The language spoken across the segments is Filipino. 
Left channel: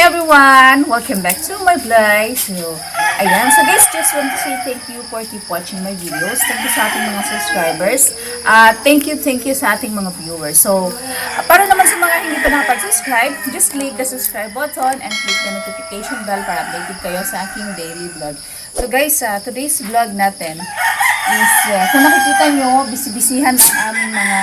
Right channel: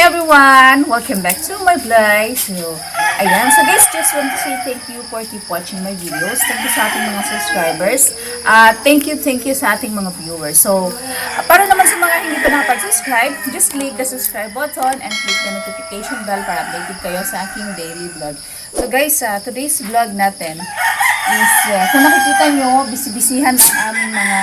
everyone! Welcome back to my vlog. So, ayan. So guys, just want to say thank you for keep watching my videos. Thank you sa ating mga subscribers. Thank you sa ating mga viewers. So, para naman sa mga hindi pa nakapag-subscribe, just click the subscribe button and click the notification bell para updated kayo sa aking daily vlog. So guys, today's vlog natin is, kung nakikita nyo, bisibisihan ang aming mga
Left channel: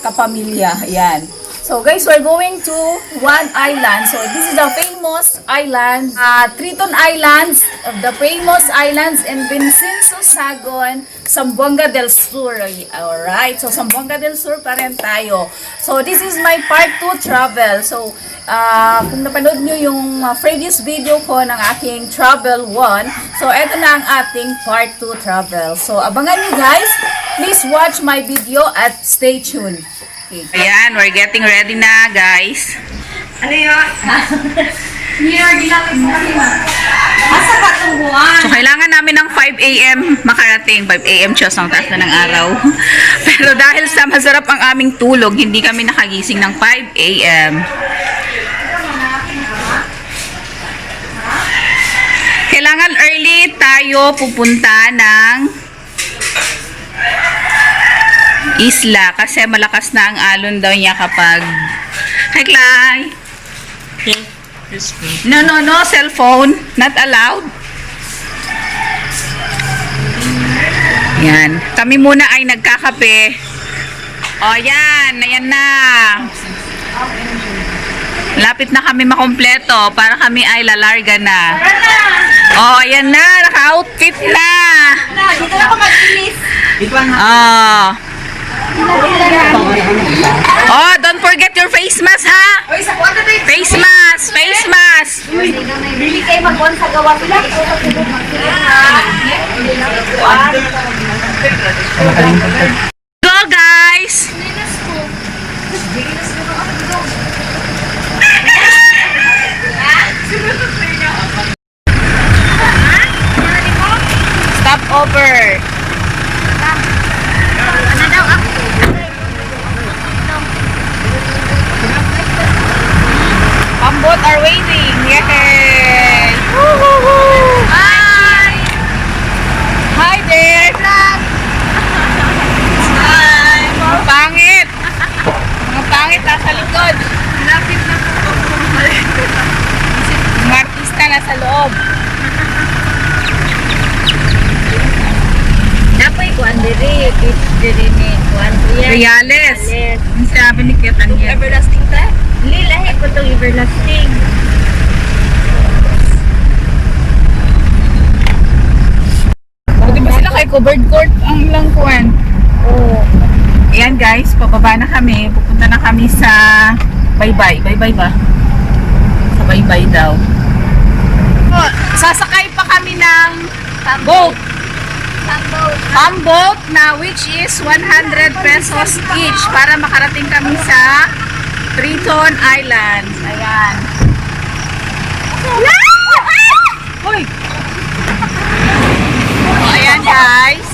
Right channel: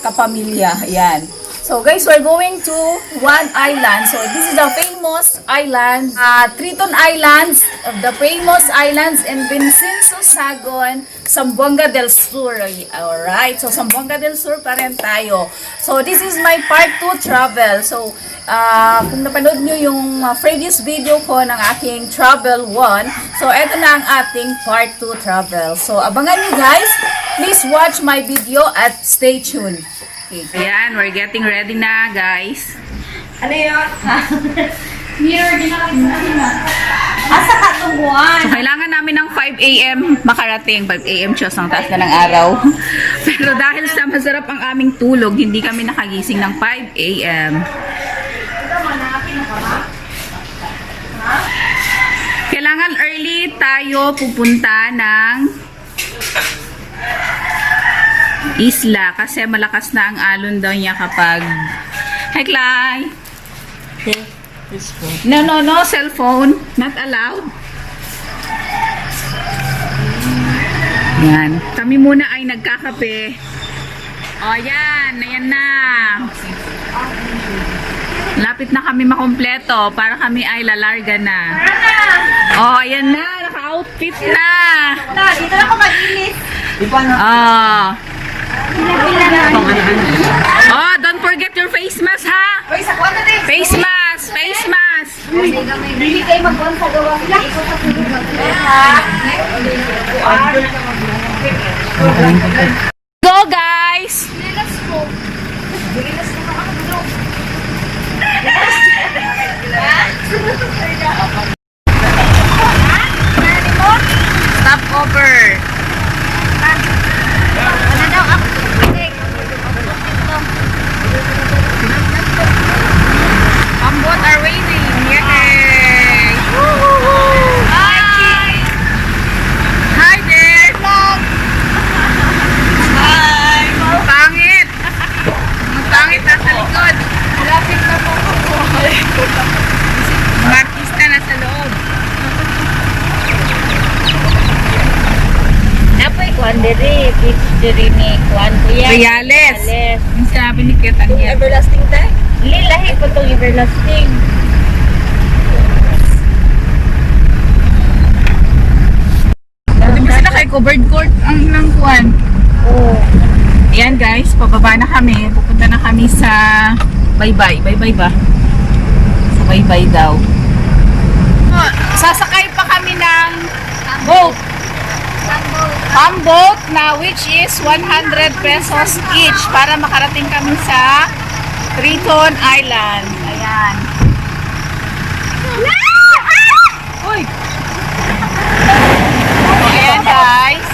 kapamilya. Ayan. So guys, we're going to one island. So this is the famous island, Triton Islands, the famous islands in Vincenzo, Sagon, Zamboanga del Sur. Alright, so Zamboanga del Sur pa rin tayo. So this is my part 2 travel. So kung napanood nyo yung previous video ko ng aking travel 1, so eto na ang ating part 2 travel. So abangan nyo guys, please watch my video at stay tuned. Ayan, we're getting ready na, guys. Ano yun? Here, ginamit sa akin na. Asa ka itong buwan? So, kailangan namin ng 5 a.m. makarating. 5 a.m. Diyos, ang taas na ng araw. Pero dahil sa masarap ang aming tulog, hindi kami nakagising ng 5 a.m. Kailangan early tayo pupunta ng isla kasi malakas na ang alon daw niya kapag hi Clay. No, cellphone not allowed. Yan, kami muna ay nagkakape. Ayan na. Lapit na kami makompleto para kami ay lalarga na. Ayan na, naka-outfit na. Dito ako mag-inis. Don't forget your face mask, ha? Uy, sa kuwan na din. Face mask. Bili kayo mag-on sa gawa sila. Go, guys! Linas ko. Linas ko ng ano dito. Stop over. Ano daw ako? Pambot are waiting. Yay! Bye! Hi there! Hi! Mga pangit! Mga pangit nasa likod. Mga artista nasa loob. Napoy kuwan diri, beach diri ni kuwan kuya. Reales. Ang sabi ni Ketan niya. Everlasting ta? Lahi ko tong everlasting. Di ba sila kay covered court ang langkuan? Oo. Ayan guys, pababa na kami. Pupunta na kami sa Baybay. Baybay ba? Sa Baybay daw. Sasakay pa kami ng boat. Boat na which is 100 pesos each para makarating kami sa Triton Islands. Ayan. Hoy! Ayan guys.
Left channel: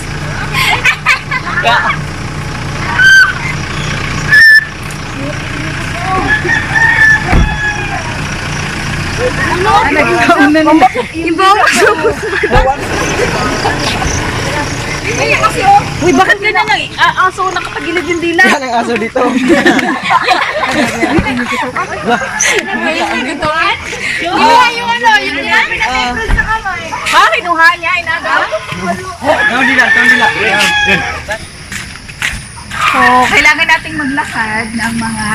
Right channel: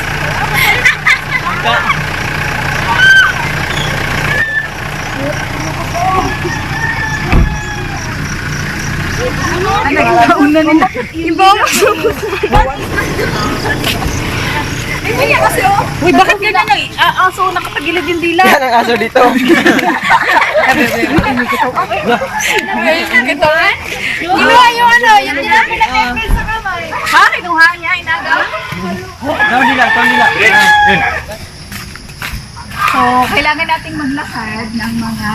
Nagkauna nila. Iba mo subot. Uy, bakit ganyan ang aso nakapagilid yung dila? Yan ang aso dito. Ginawa yung ano, yung tinapin na pepper sa kamay. Bakit nung hanya inagaw? Taon nila. So, kailangan nating maglakad ng mga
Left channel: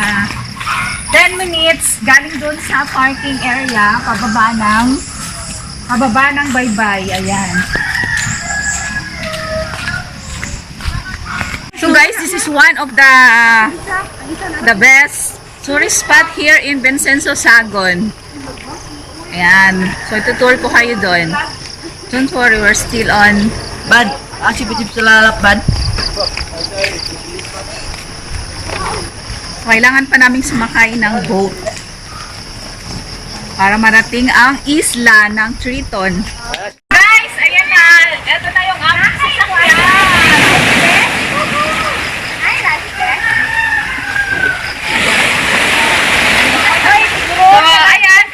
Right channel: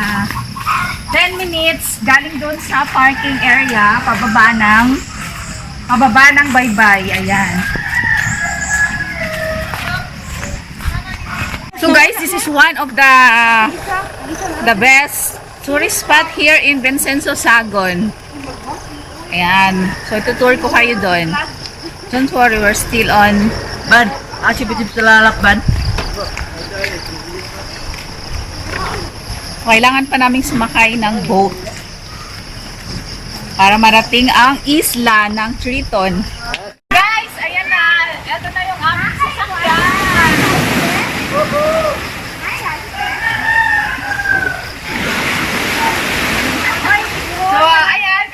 10 minutes galing doon sa parking area pababa ng Baybay. Ayan. So guys, this is one of the best tourist spot here in Vincenzo, Sagon. Ayan. So itutour ko kayo doon. Don't worry, we're still on. Bad. Sipit-sipit sa lalap, bad. Kailangan pa naming sumakay ng boat para marating ang isla ng Triton. Guys, ayan na. Ito na yung aming sasakyan. So, ayan.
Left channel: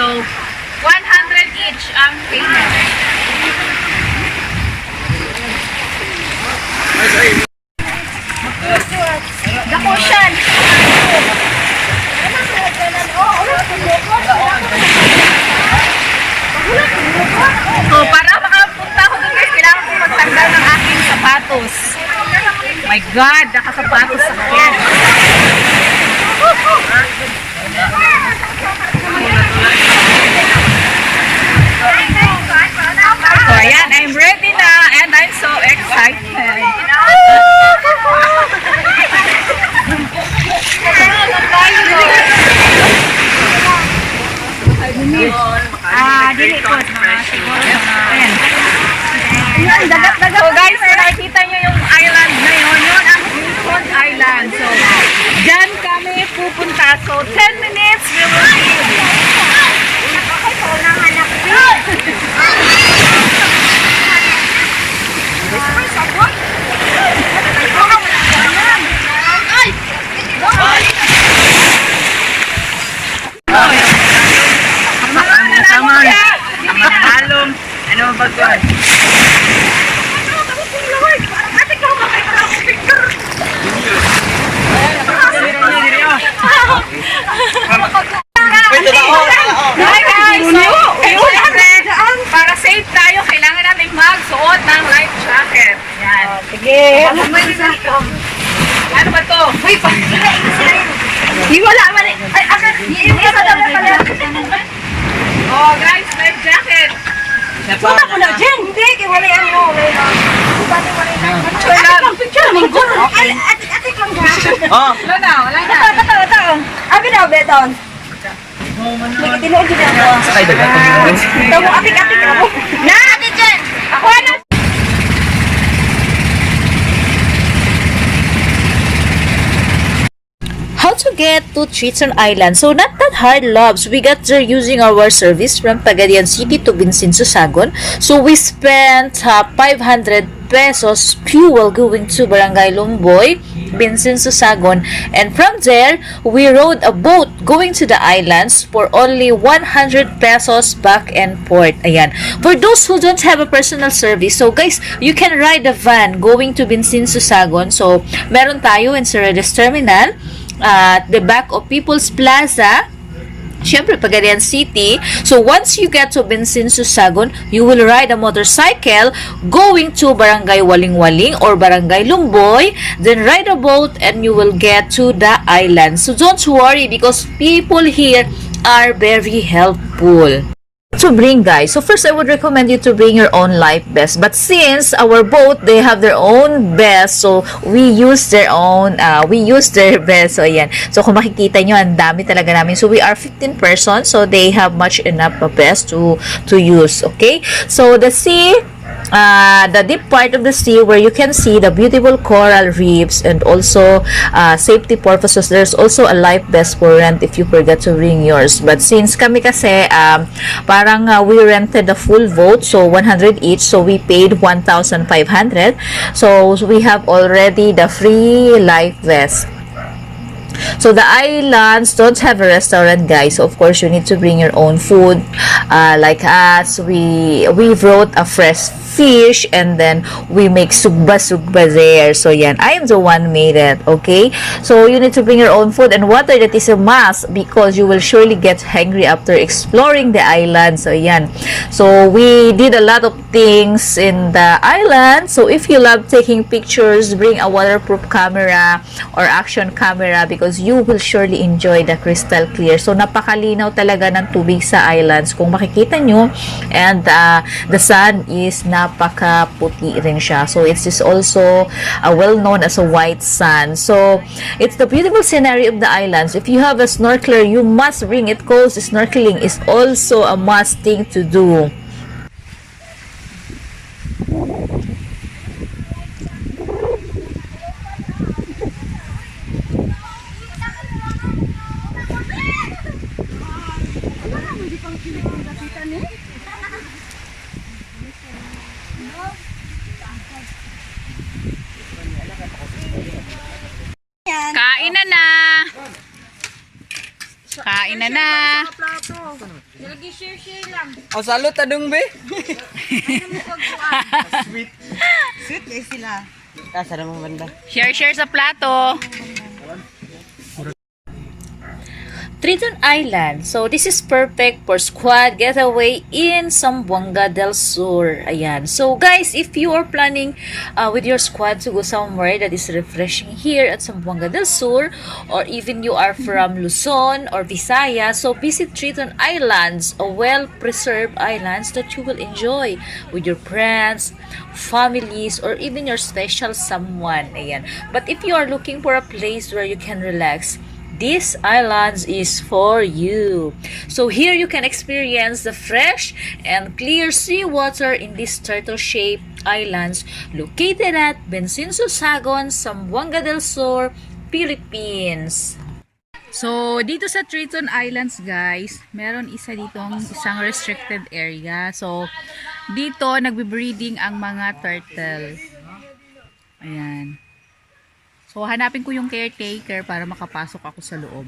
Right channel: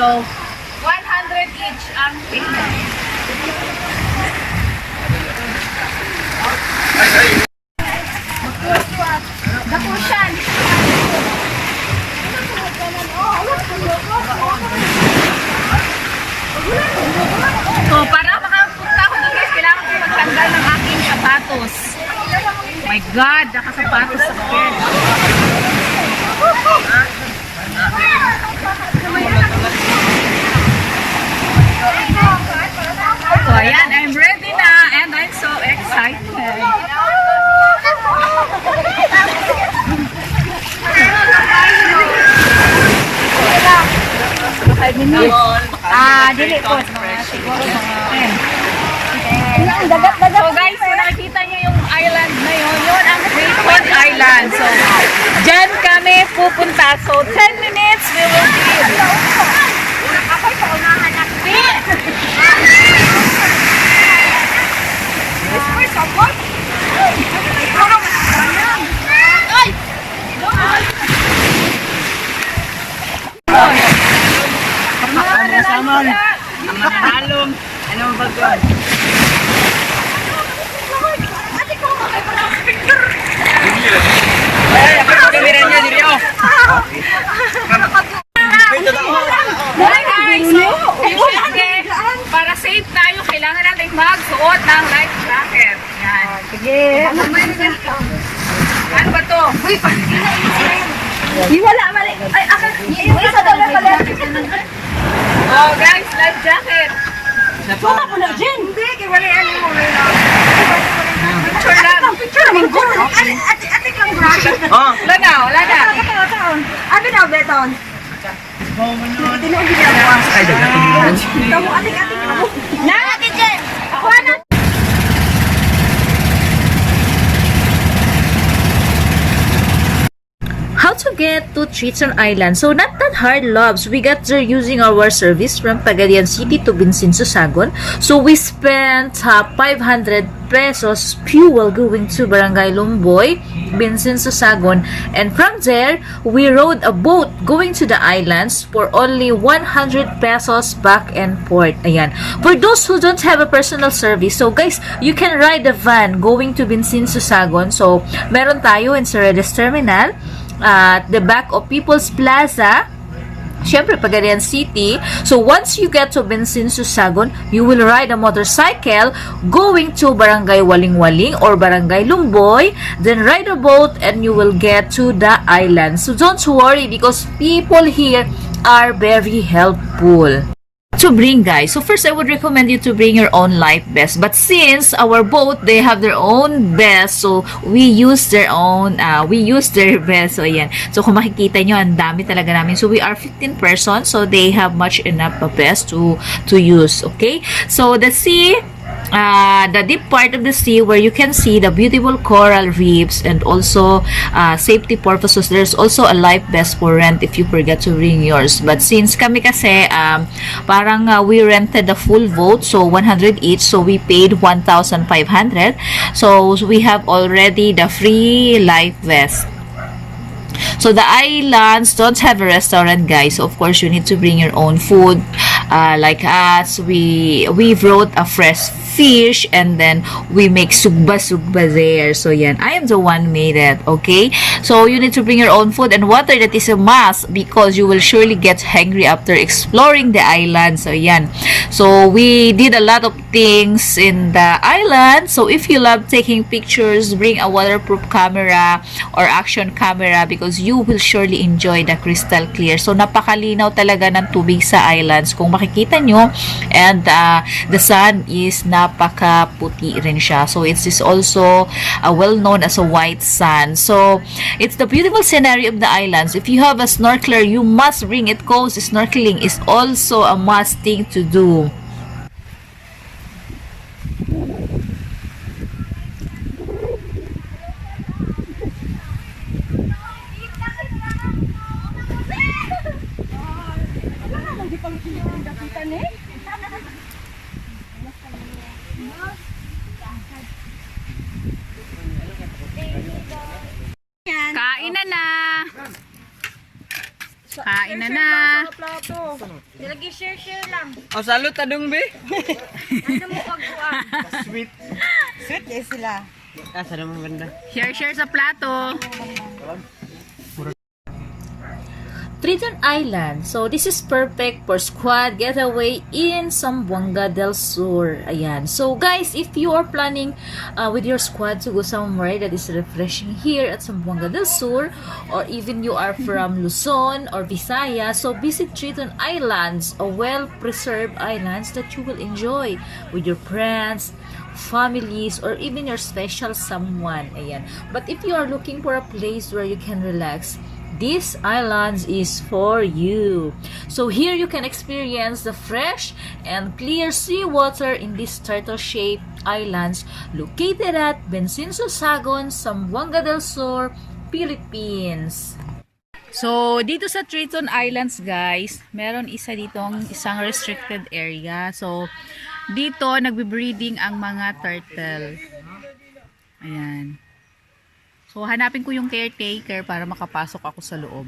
So, 100 each ang payment. Dako siya. So, para makapunta ko doon guys, kailangan ko magtanggal ng aking sapatos. My God, nakasapatos sa akin. So, ayan, I'm ready na and I'm so excited. So guys, kung nakikita nyo yung island na yun ang Great Pond Island. So, dyan kami pupunta. So, 10 minutes, we will be Halong. Ano ba ito? Hi guys! So, para safe tayo, kailangan natin magsuot ng life jacket. Ayan. Sige. Ano ba to? Uy, wala man. Ay, akin. Isa daw pala. Oh guys, life jacket. Puta ko na dyan. Hindi, wala yan mo. Picture lang. Picture naman ko. Atik lang ba? Oh. Wala na, wala na. Abi na, beton. Tinuod din ako. Sakay dagat. Tamo, atik-atik ako. Na, ati dyan. Ako ano? How to get to Triton Island? So not that hard, loves. We got there using our service from Pagadian City to Vincenzo Sagon. So we spent 500 pesos fuel going to Barangay Lumboy, Vincenzo Sagon, and from there we rode a boat going to the islands for only 100 pesos back and forth. Ayan. For those who don't have a personal service, so guys, you can ride a van going to Vincenzo Sagon. So meron tayo in Cerredes Terminal at the back of People's Plaza, syempre Pagadian City. So once you get to Vincenzo Sagon, you will ride a motorcycle going to Barangay Waling-Waling or Barangay Lumboy, then ride a boat and you will get to the island. So don't worry because people here are very helpful to bring, guys. So first I would recommend you to bring your own life vest, but since our boat, they have their own vest, so we use their vest. So ayan, so kung makikita nyo, ang dami talaga namin. So we are 15 persons, so they have much enough vest to use. Okay, so the sea, the deep part of the sea where you can see the beautiful coral reefs, and also safety purposes, there's also a life vest for rent if you forget to bring yours. But since kami kasi parang we rented the full boat, so 100 each, so we paid 1,500. So we have already the free life vest. So the islands don't have a restaurant, guys. So of course you need to bring your own food. Like us, we brought a fresh fish and then we make sugba there. So yan, I am the one made it. Okay, so you need to bring your own food and water. That is a must because you will surely get hungry after exploring the island. So yan, so we did a lot of things in the island. So if you love taking pictures, bring a waterproof camera or action camera because you will surely enjoy the crystal clear. So napakalinaw talaga ng tubig sa islands kung makikita nyo, and the sun is napakaputi rin siya. So it is also well known as a white sand. So it's the beautiful scenery of the islands. If you have a snorkeler, you must bring it because snorkeling is also a must thing to do. Kain na na. Kain na na. Lagi share lang. Oh, salot adong be. Ano mo pagkuan? Sweet. Sweet eh sila. Sa naman banda. Share sa plato. Triton Island. So, this is perfect for squad getaway in Zamboanga del Sur. Ayan. So, guys, if you are planning with your squad to go somewhere that is refreshing here at Zamboanga del Sur, or even you are from Luzon or Visayas, so visit Triton Islands, a well-preserved islands that you will enjoy with your friends, families, or even your special someone. Ayan. But if you are looking for a place where you can relax, this islands is for you. So here you can experience the fresh and clear sea water in these turtle-shaped islands located at Bensinso Sagon, Zamboanga del Sur, Philippines. So, dito sa Triton Islands, guys, meron isang restricted area. So, dito nagbe-breeding ang mga turtle. Ayan. So, hanapin ko yung caretaker para makapasok ako sa loob.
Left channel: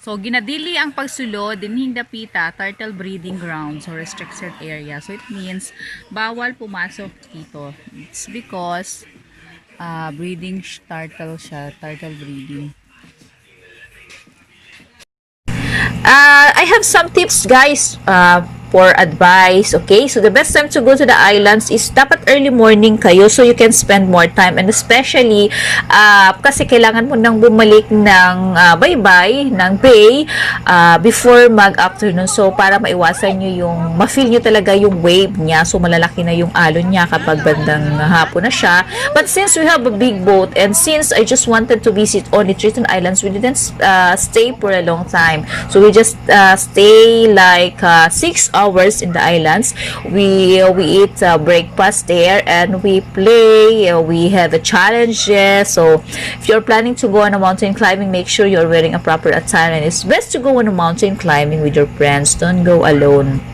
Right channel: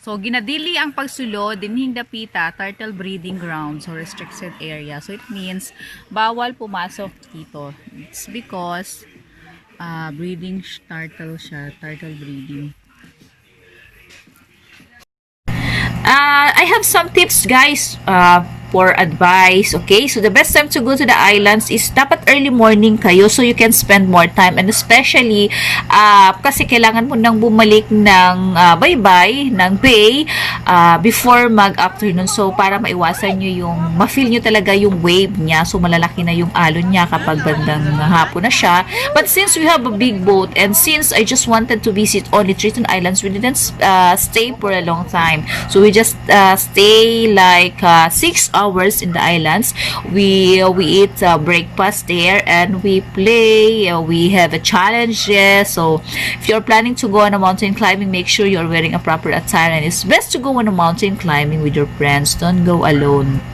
So, ginadili ang pagsulo, dinhing dapita, turtle breeding ground, so restricted area. So, it means, bawal pumasok dito. It's because, breeding turtle siya, turtle breeding. I have some tips, guys, for advice. Okay, so the best time to go to the islands is dapat early morning kayo so you can spend more time, and especially kasi kailangan mo nang bumalik ng bye-bye ng bay before mag-afternoon, so para maiwasan nyo yung ma-feel nyo talaga yung wave niya, so malalaki na yung alon niya kapag bandang hapon na siya. But since we have a big boat, and since I just wanted to visit only Triton Islands, we didn't stay for a long time, so we just stay like 6 hours in the islands. We eat breakfast there, and we play, we have a challenges. So if you're planning to go on a mountain climbing, make sure you're wearing a proper attire, and it's best to go on a mountain climbing with your friends. Don't go alone.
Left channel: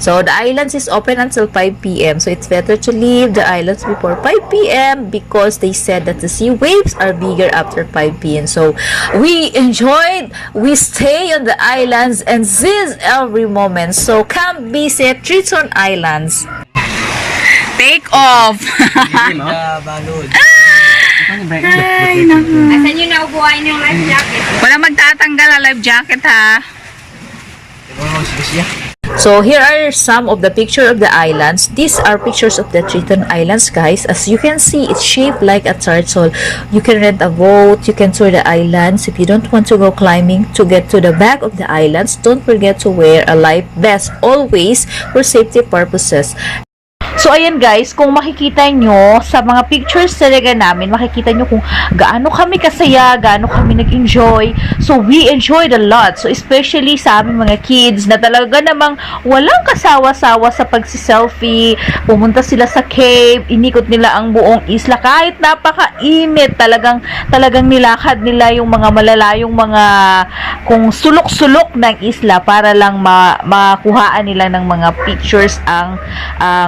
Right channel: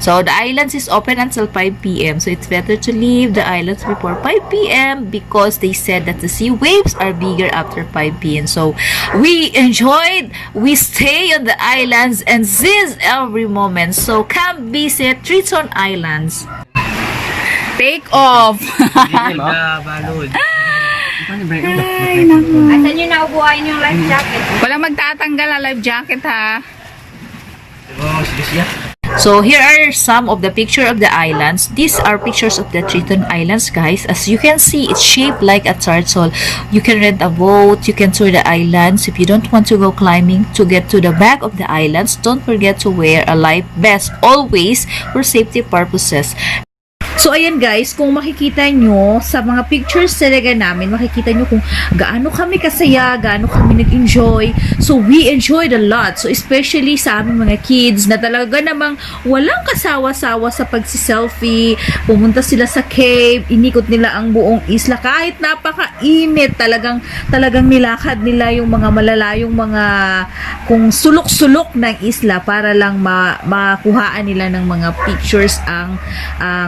So the islands is open until 5 p.m. So it's better to leave the islands before 5 p.m. because they said that the sea waves are bigger after 5 p.m. So we enjoyed, we stay on the islands and seize every moment. So come visit Triton Islands. Take off! Balod. Ay, naku. Asan nyo naubuhain yung life jacket? Walang magtatanggal ang life jacket, ha? Oh, sige siya. So here are some of the picture of the islands. These are pictures of the Triton Islands, guys. As you can see, it's shaped like a turtle. You can rent a boat, you can tour the islands. If you don't want to go climbing, to get to the back of the islands, don't forget to wear a life vest always for safety purposes. So, ayan guys, kung makikita nyo sa mga pictures talaga namin, makikita nyo kung gaano kami kasaya, gaano kami nag-enjoy. So, we enjoyed a lot. So, especially sa aming mga kids na talaga namang walang kasawa-sawa sa pagsiselfie. Pumunta sila sa cave, inikot nila ang buong isla. Kahit napaka-init, talagang nilakad nila yung mga malalayong mga kung sulok-sulok ng isla para lang makuhaan nila ng mga pictures ang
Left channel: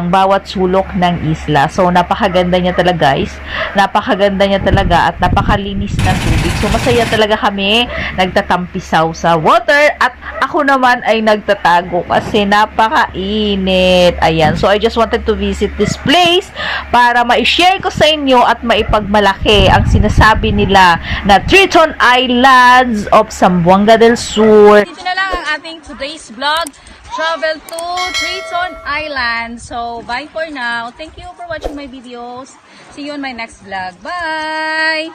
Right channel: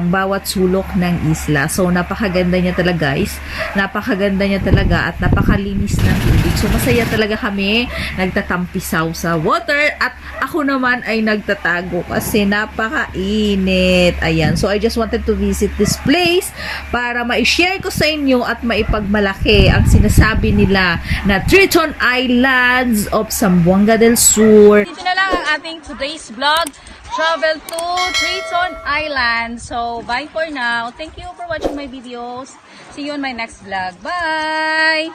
bawat sulok ng isla. So, napakaganda niya talaga, guys. Napakaganda niya talaga at napakalinis ng tubig. So, masaya talaga kami nagtatampisaw sa water at ako naman ay nagtatago kasi napakainit. Ayan. So, I just wanted to visit this place para ma-share ko sa inyo at maipagmalaki ang sinasabi nila na Triton Islands of Zamboanga del Sur. Dito na lang ang ating today's vlog. Travel to Triton Island. So, bye for now. Thank you for watching my videos. See you on my next vlog. Bye!